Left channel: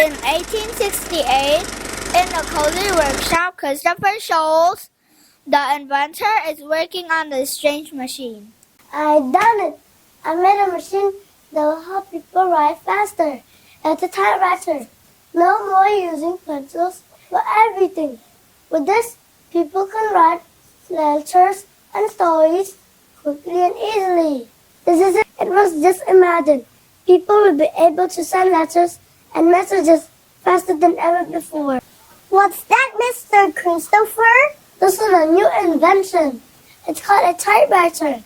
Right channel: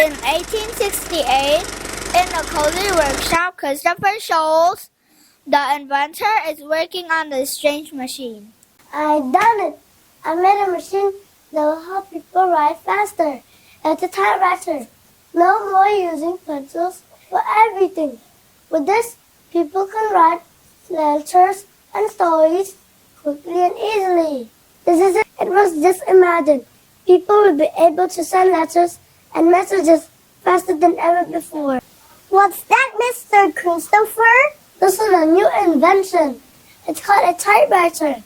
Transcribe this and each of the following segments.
In 1868, in a cozy workshop, Christopher shows the inventor is working on the strange machine. I've done it. I made a machine that will help people write faster. It's a typewriter. No more using pencils for everything. With this, people can write letters and stories quickly and easily. This is it. It was just imagined. People will be able to send letters and messages faster than ever before. What's that, Mr. Christopher? This is a new invention. It's called a typewriter.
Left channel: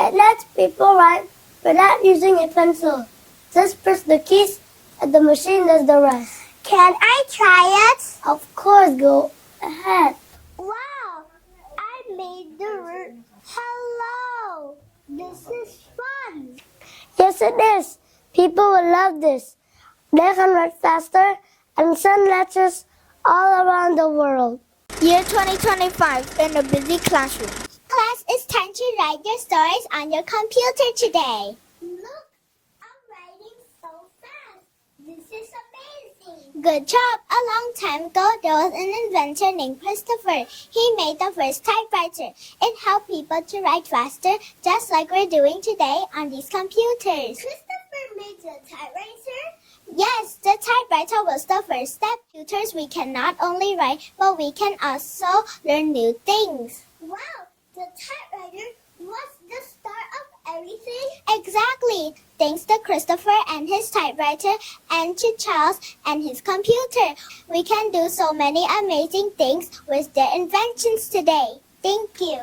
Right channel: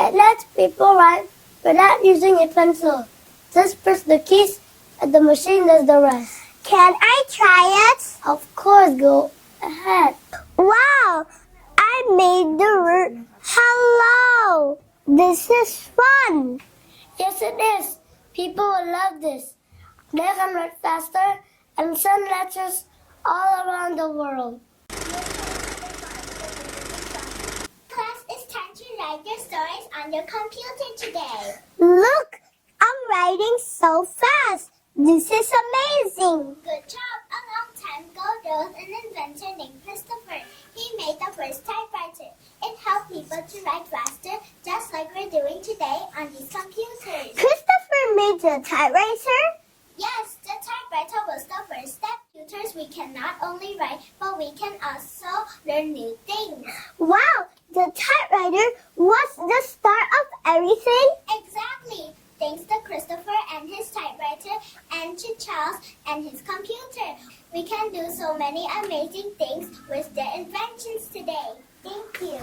It lets people write without using a pencil. Just press the keys and the machine does the rest. Can I try it? Of course, go ahead. Wow! I made the word hello. This is fun. Yes, it is. People will love this. They can write faster and send letters all around the world. Year 2025 in a busy classroom. Class, it's time to write your stories on your computer today. Look, I'm writing so fast. This is amazing. Good job. A long time ago, there was an inventor named Christopher. He made the first typewriter. It helped people to write faster, just like we're doing today on these computers. Christopher made the typewriter? Yes, the typewriter was the first step. Computers, we can not only write, but we can also learn new things. Wow, the typewriter was the start of everything? Exactly. Thanks to Christopher and his typewriter, and to Charles and his computer, we can do so many amazing things with their inventions today. Thank you.